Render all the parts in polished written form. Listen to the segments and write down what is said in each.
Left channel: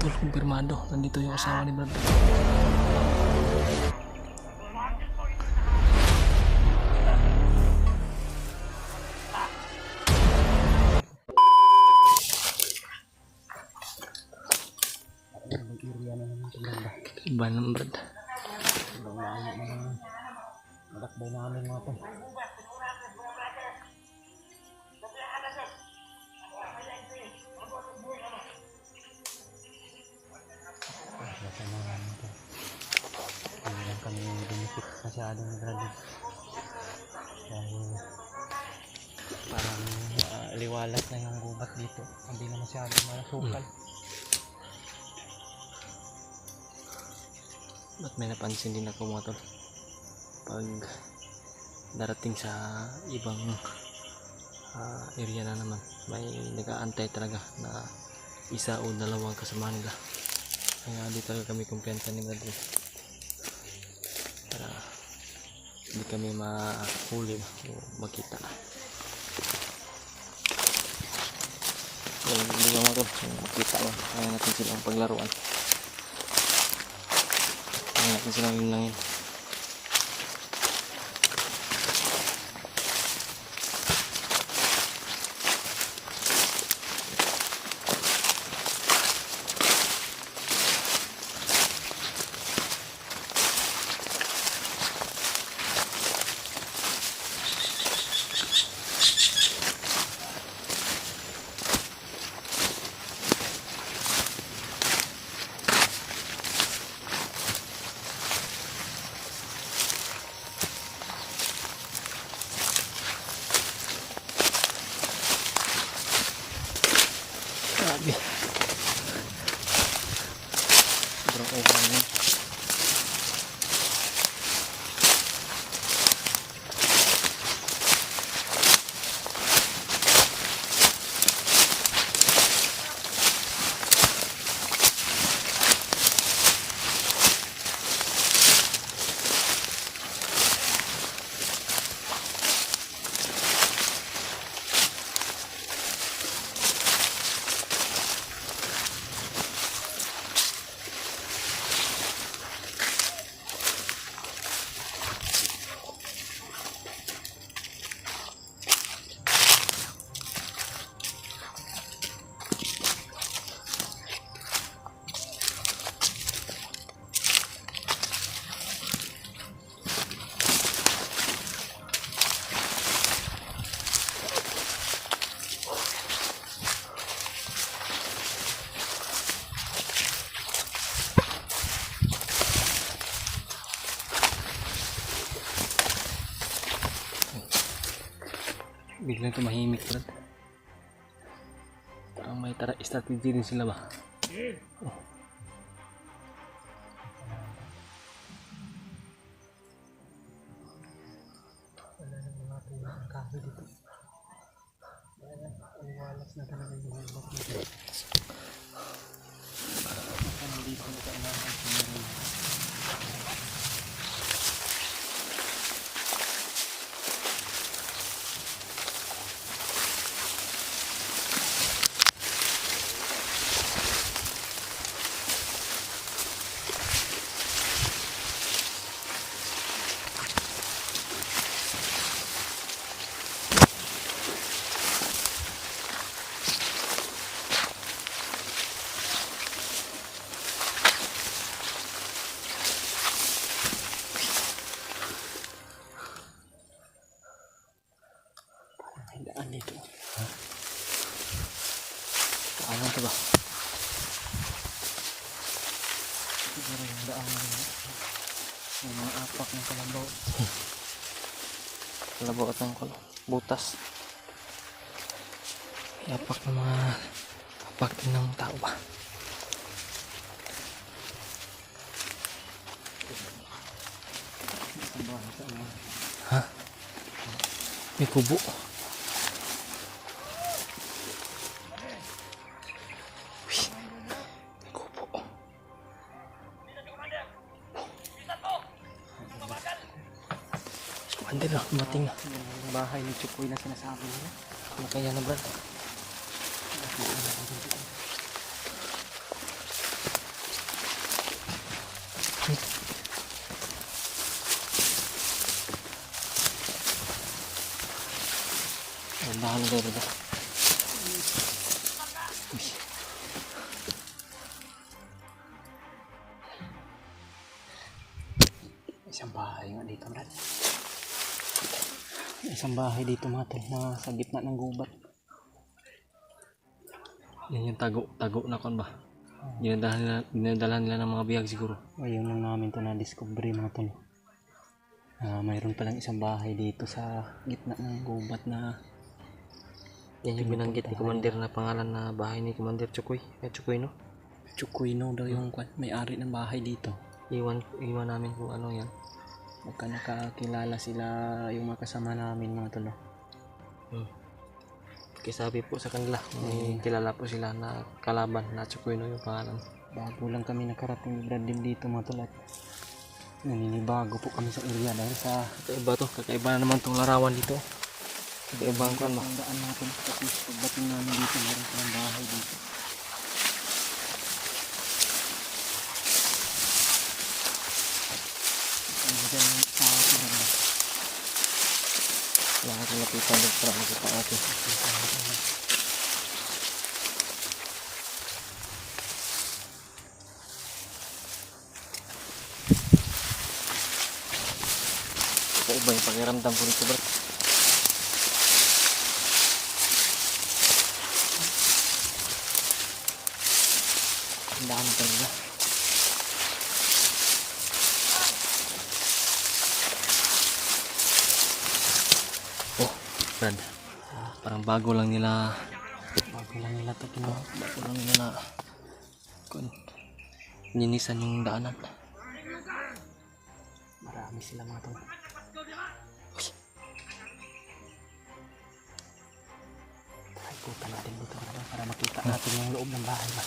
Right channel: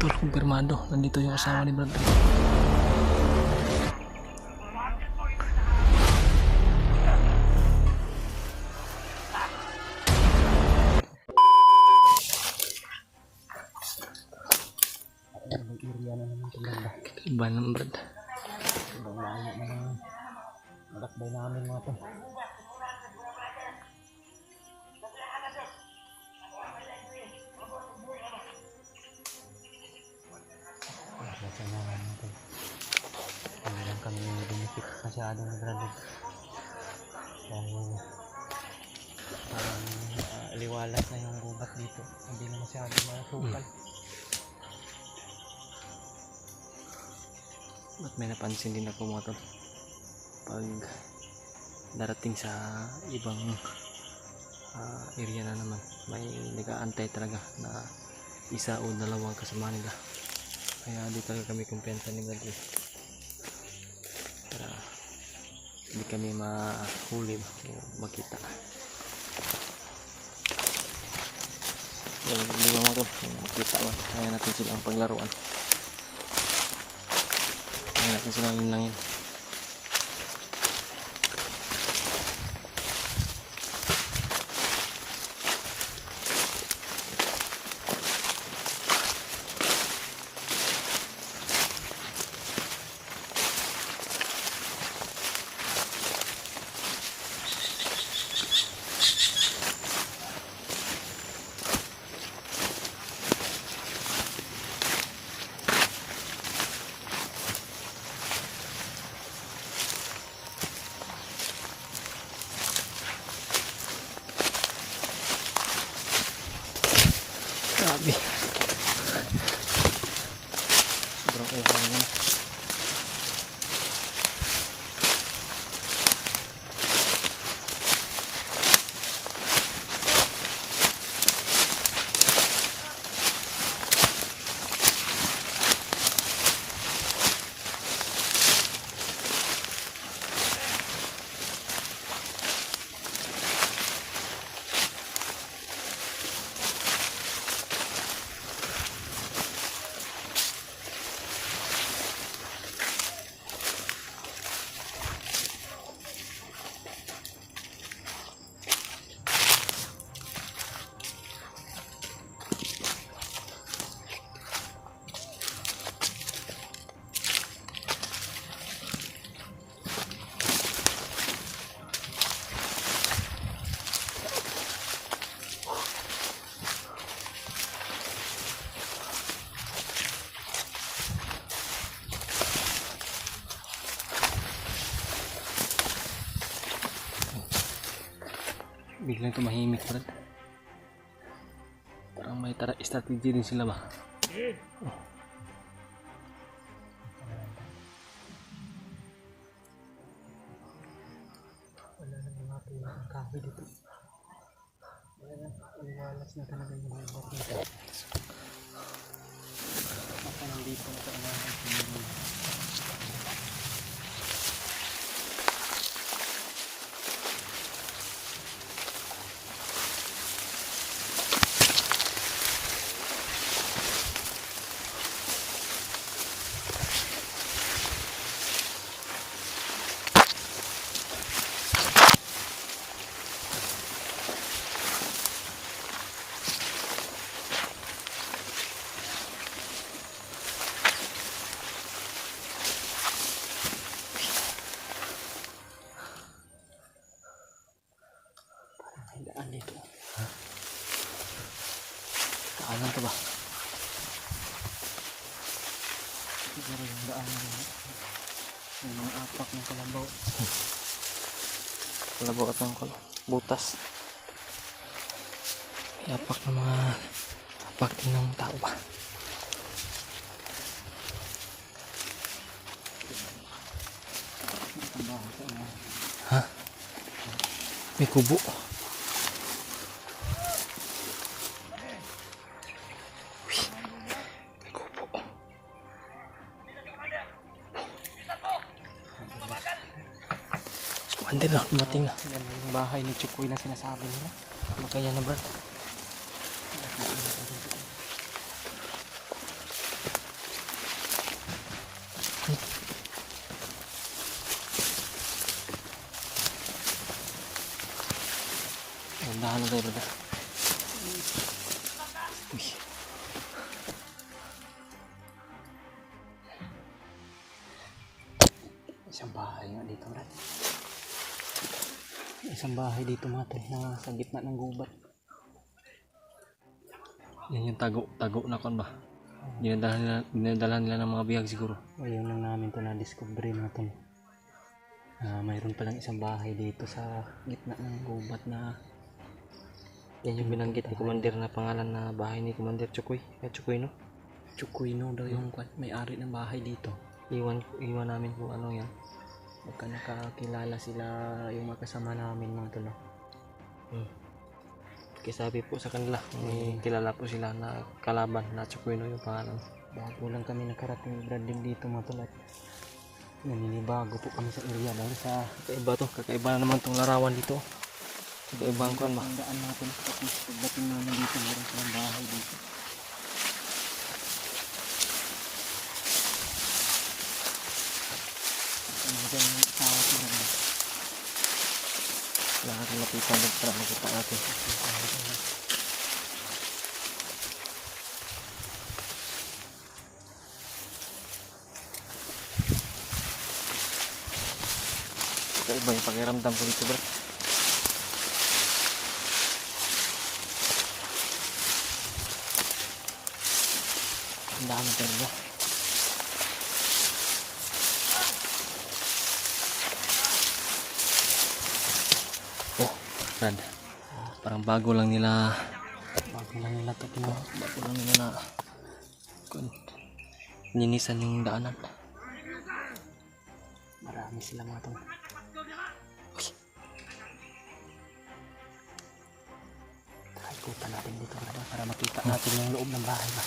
Tol, kumpirmado. Nandito yung asawa ni Brad. Iba ng Brad. Malakbay namin mga to. Basta na namin to. Hindi lang kami dumikit masyado na Brad. Dahil parang liwalas na yung gubat dito. Hindi na masyado masukal. Ba't may napansin din ako mga tol? Pag darating sa ibang area na naman, may nag-aantay talaga na isa o dalawang kasama nila. Kaya di talaga kami kumpiyansa ni Brad para hindi kami mahuli o makita. Walang problema mga tol, makita ba? Kaya natin silang paglaruan. Kaya natin silang linlangin. Grabe. Sobrang uhang yun. Biglang tumahimik Brad. Parang may strategy din sila ba? Oh. Wala nang mga tulang kahoy dito. Liwalas na talaga yung gubat nito. Ako nandito na kaanahan sa meron. Dito. Ha? Saan to ba? Siguro yung daan na may mga apak ng kalabaw. Kalabaw at ng butas. May apak ng mga apak din ng tao ba? Ha? May kubo. Hindi na, dumating na. Yung bahay ni Chukoy na sinasabi niya. Makanya na Brad. Dahan tayo brother. Uy. Isang bahay nga dito, Brad. Isang bahay dito mga tol na sa gitna ng gubat. Yan yung tago na kon ba? Dinadala nila ng mga bihag siguro. Ayun lang namin to na-discover mga tol. Mayroon palang isang bahay dito sa gitna ng gubat na Yan yung binanggit ni Commander na pangalan na bahay ni Commander Chukoy. Chukoy no? Chukoyno daw yung may-ari ng bahay dito. Iwan namin kung ano yan. Baka nakakilala sila yung makasama namin mga tol. Kasi sabi po sa kanila, may kilala po sila na kalaban na Chukoy no yung pangalan. Bago lang kami nakarating Brad din dito mga tol at naninibago po kami sa area dahil sa Kakaiba na naman tong larawan dito. Kakaiba ang kuan ba? ang daan natin. Tapos pagdating namin dito mayroon palang bahay dito. Diyan yung tawag na rin. Lahat ng lapitan doon para makita natin. Kakaiba yung pakiramdam ko dito bro. Ang daan na talaga. Oh, Brad. Parang bago lang nila ito kino. bago lang nila na ninisan yung daanan. Marami sila mga tol. Punta natin dito para makita natin yung loob ng bahay ba.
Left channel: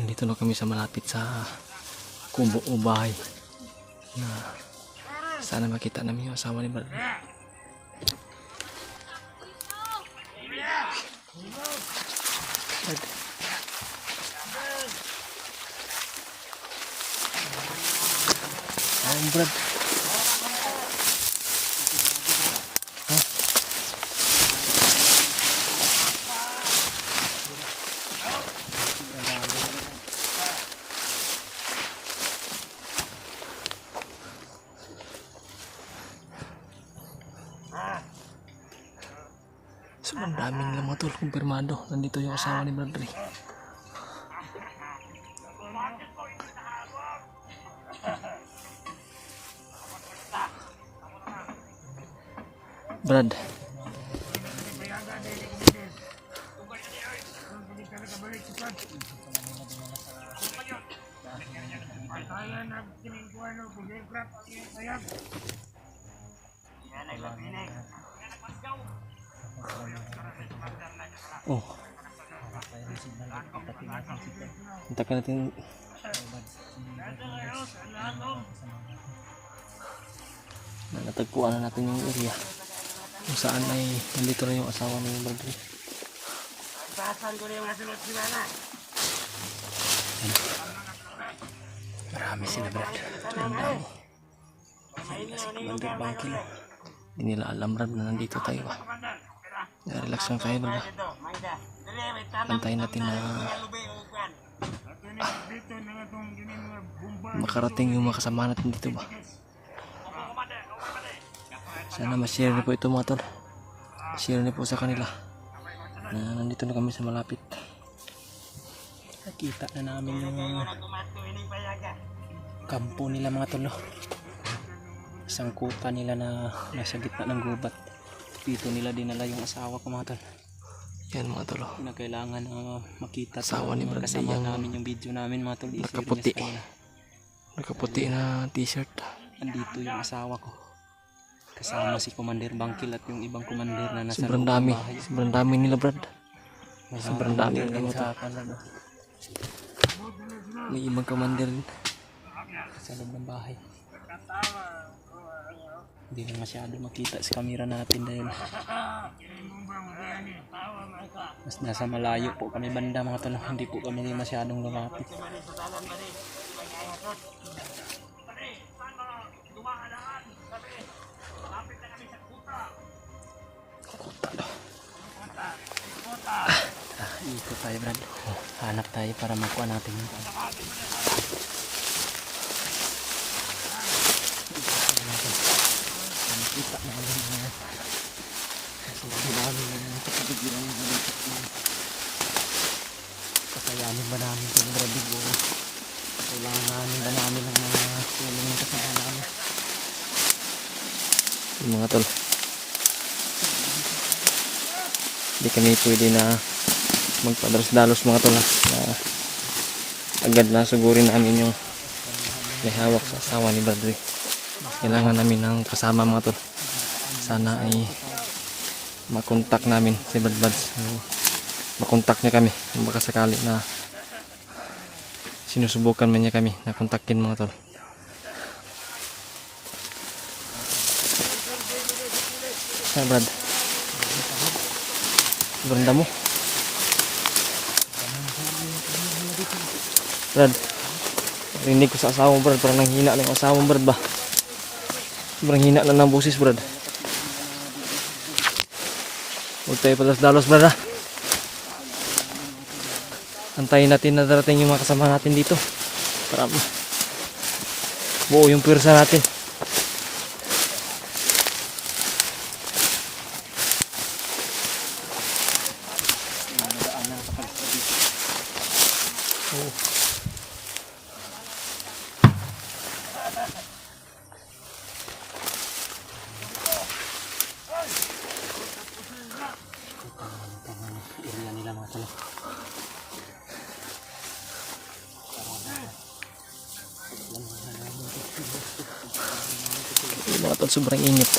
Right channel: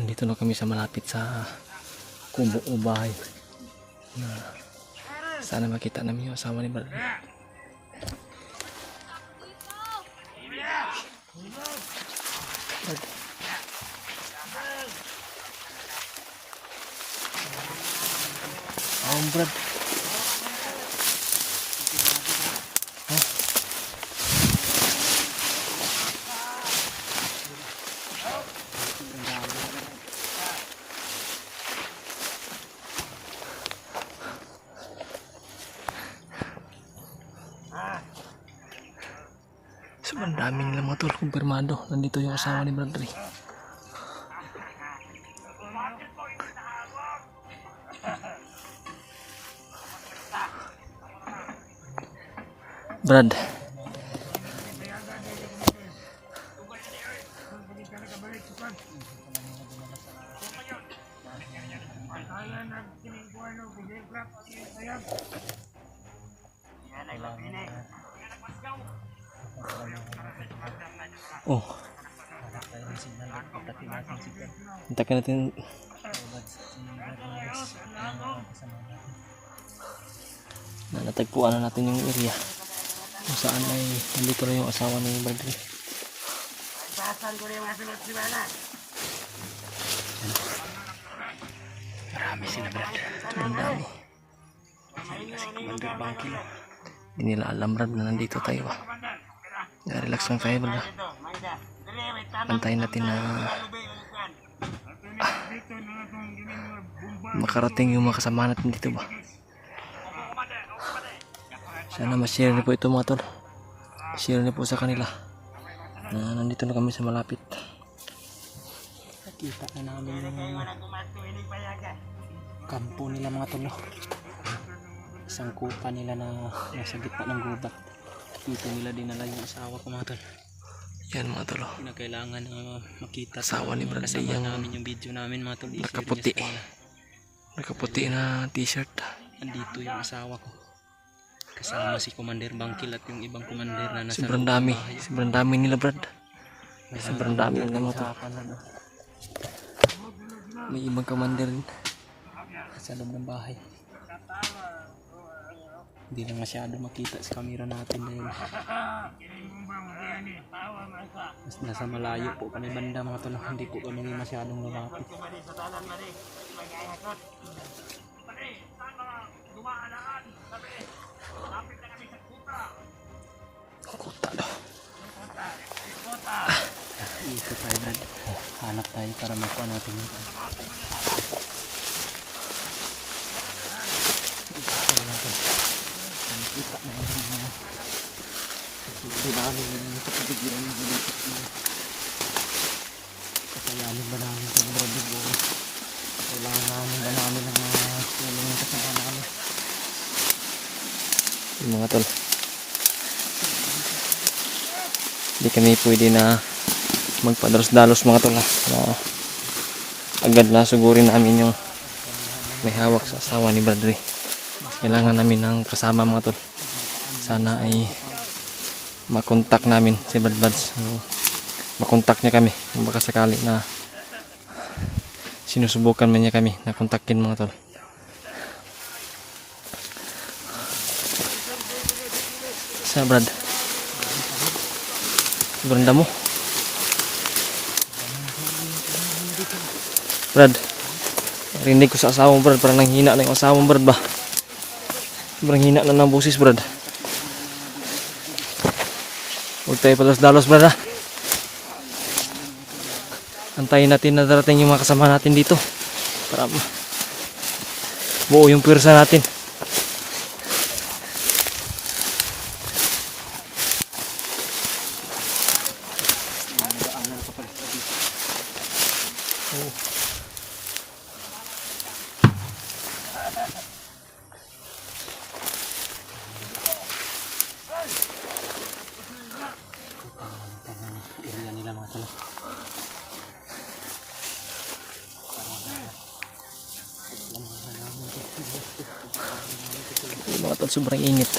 Nandito na kami sa malapit sa kubo o bahay na sana makita namin yung asawa ni Brad. Brad. Sobrang dami nila mga tol, kumpirmado. Nandito yung asawa ni Brad. Brad. Oh. Hintakin natin. Natagpuan na natin yung area kung saan ay nandito na yung asawa ni Bradley. Marami sila Brad. Hindi nila alam Brad na nandito tayo ba. Relax lang tayo Brad. Pantayin natin na makarating yung mga kasama natin dito ba. Sana ma-share na po ito mga tol. Share na po sa kanila na nandito na kami sa malapit. Nakita na namin yung kampo nila mga tol. Isang kuka nila na nasa gitna ng gubat. Dito nila dinala yung asawa ko mga tol. Yan mga tol. Kinakailangan na makita Asawa ni Brad kasama yung namin yung video namin mga tol. nakaputi. Nakaputi na t-shirt. Andito yung asawa ko. Kasama si Commander Bangkil at yung ibang commander na nasa Sobrang loob ng dami. bahay. Sobrang dami nila Brad. May Sobrang dami mga nila mga tol. usapan na, no? May ibang commander din. Sa loob ng bahay. Hindi lang masyado makita sa camera natin dahil mas nasa malayo po kami banda mga tol. Hindi po kami masyadong lumapit. Ikot tayo Brad. Hanap tayo para makuha natin yung kita na naman na kasi dinamin na yung kapagigirang ng halitak na kakayanin ba namin itong Brad o kailangan ba namin ang tulong ng kasama namin Yung mga tol. Hindi kami pwede na magpadalos-dalos mga tol, na agad na sugurin namin yung may hawak sa asawa ni Bradley. Kailangan namin ng kasama mga tol. Sana ay makontak namin si Brad Buds. Makontak niya kami kung baka sakali na sinusubukan na niya kami na kontakin mga tol. Sa Brad, sobrang damo. Brad, rinig ko sa asawa mo Brad, parang nanghina na yung asawa mo Brad ba? Sobrang hina na ng boses Brad. Huwag tayo palos-dalos Brad ha. Antayin natin na darating yung mga kasama natin dito para buo yung pwersa natin. area nila mga tol. Yung mga tol, sobrang init.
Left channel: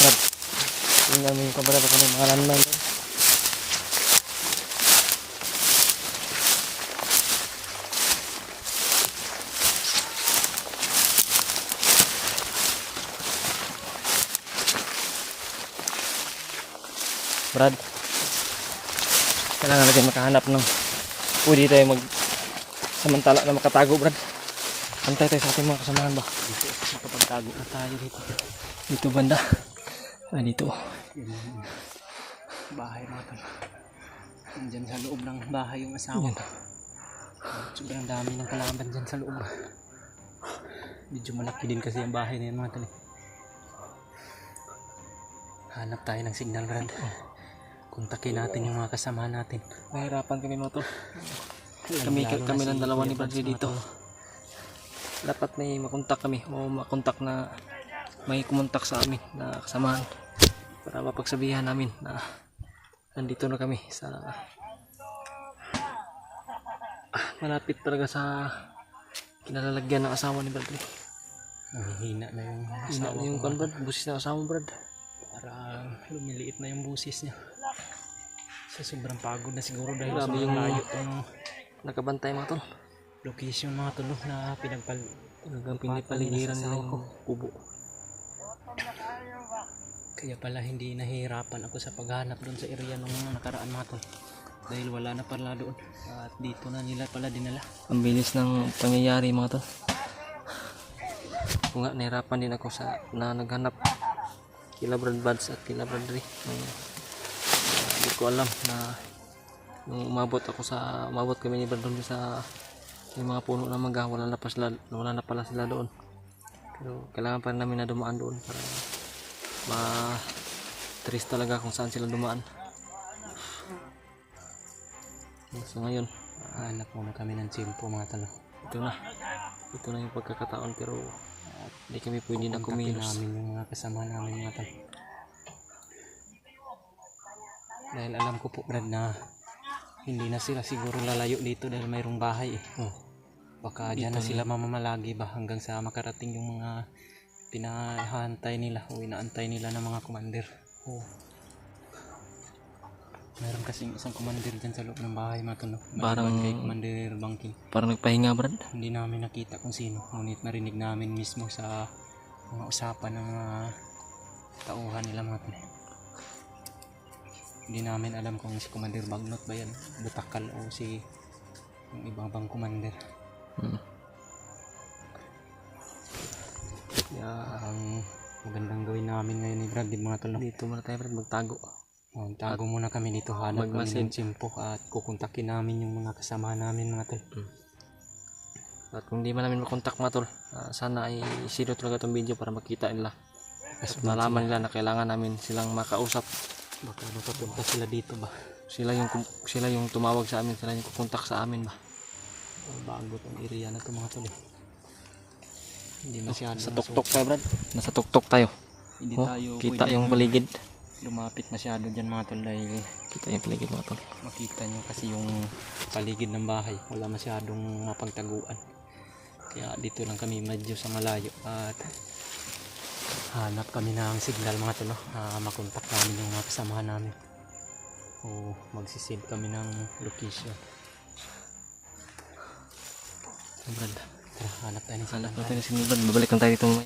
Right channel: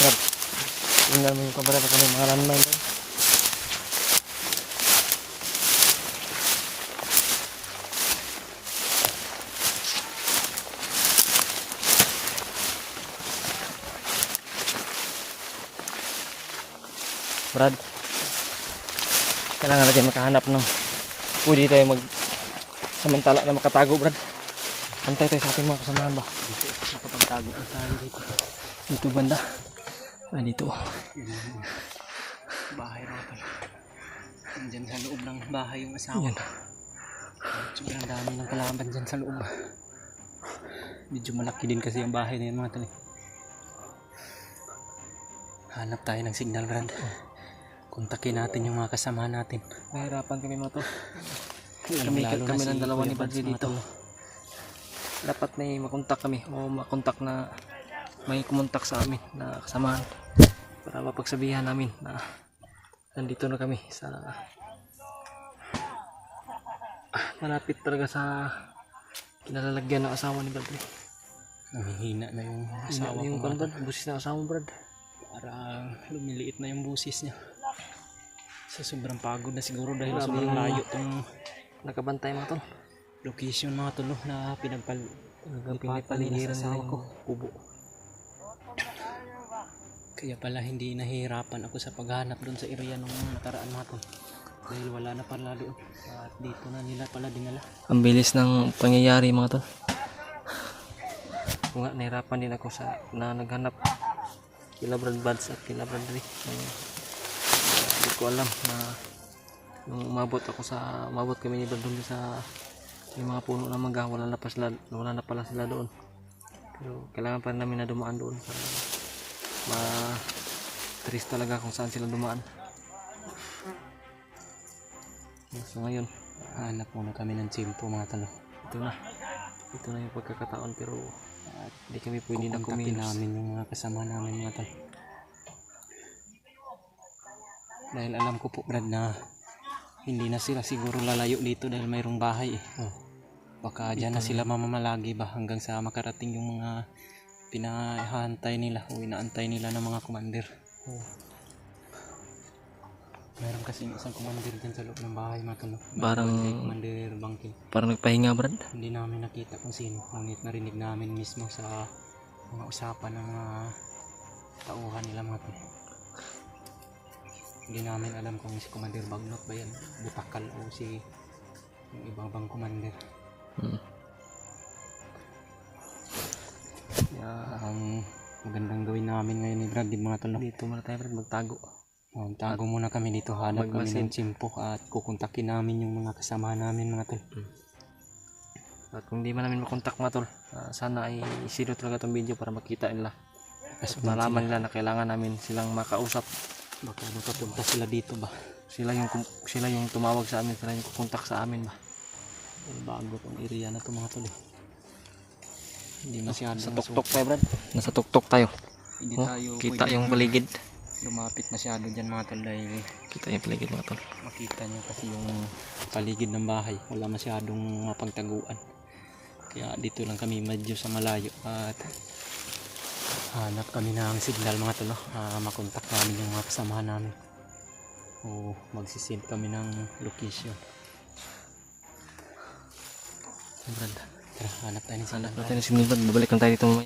Brad, tingnan mo yung kabara pa kami mga landmine doon. Brad, kailangan natin makahanap ng pwede tayo samantala na makatago Brad. Antay tayo sa ating mga kasamahan ba? Dito sa kapagtago na tayo dito. Dito banda. Ay dito. Bahay mga tol. Nandyan sa loob ng bahay yung asawa. Yan. Sobrang dami ng kalaban dyan sa loob. Medyo malaki din kasi yung bahay na yan mga tol. Hanap tayo ng signal Brad. Kontakin natin yung mga kasama natin. Nahirapan kami mga tol. Kami lang dalawa ni Bradley dito. Dapat may makontak kami o makontak na may kumontak sa amin na kasamahan para mapagsabihan namin na nandito na kami sa malapit talaga sa kinalalagyan ng asawa ni Bradley. Hina na yung Hina na yung kan Brad, busis ng asawa mo Brad. para lumiliit na yung busis niya. Sa sobrang pagod na siguro dahil Grabe sobrang yung layo tong nakabantay mga tol. location mga tol na Pinipaligiran nila yung kubo. Kaya pala hindi nahihirapan ako sa paghanap doon sa area ng mga nakaraan natin dahil wala na pala doon at dito na nila pala dinala. Ang bilis ng pangyayari mga tol. Kung nga nahirapan din ako sa na naghanap kila Brad Buds at kila Bradley. Hindi ko alam na nung umabot kami ni Brad doon sa yung mga puno ng mangga, wala na pala sila doon. Pero kailangan pa rin namin na dumaan doon para ma-trace talaga kung saan sila dumaan. So ngayon, Hanap muna kami ng tsimpo mga talo. Ito na yung pagkakataon, pero hindi kami pwede na Kukontakin kumilos. namin yung mga kasama namin mga talo. Dahil alam ko po Brad na hindi na sila siguro lalayo dito dahil mayroong bahay eh. Baka dyan na sila mamamalagi ba hanggang sa makarating yung mga pinahantay nila o inaantay nila ng mga commander. Meron kasing isang commander dyan sa loob ng bahay mga talo. Parang Commander Bangkin. nagpahinga, Brad. Hindi namin nakita kung sino, ngunit narinig namin mismo sa mga usapan ng tauhan nila mga tol. Hindi namin alam kung si Commander Bagnot ba yan, Butakal o si yung ibang bang commander. Ang magandang gawin namin ngayon ni Brad, mga tol. Dito muna tayo, Brad, magtago. Tago muna kami dito, hanap kami magmasid. ng tsimpo at kukontakin namin yung mga kasama namin mga tol. At kung di man namin makontak, mga tol, sana ay isiro talaga itong video para makita nila. At malaman nila na kailangan namin silang makausap. Baka nakapunta sila dito ba? Sila yung tumawag sa amin, sila yung kukontak sa amin ba. Bago tong area na to mga tol. Hindi masyado. Sa tuktok tayo, Brad. Nasa tuktok tayo. Hindi tayo Kita pwede yung paligid. lumapit masyado dyan mga tol dahil Kita yung paligid, mga tol. makita nyo kasi yung paligid ng bahay wala masyadong mapagtaguan, kaya dito lang kami medyo sa malayo at hanap kami ng signal mga tol na makontak namin yung mga kasamahan namin o magsisend kami ng location. Brad, Tara, hanap tayo ng hanap signal. natin si Brad. Babalik lang tayo dito mamaya.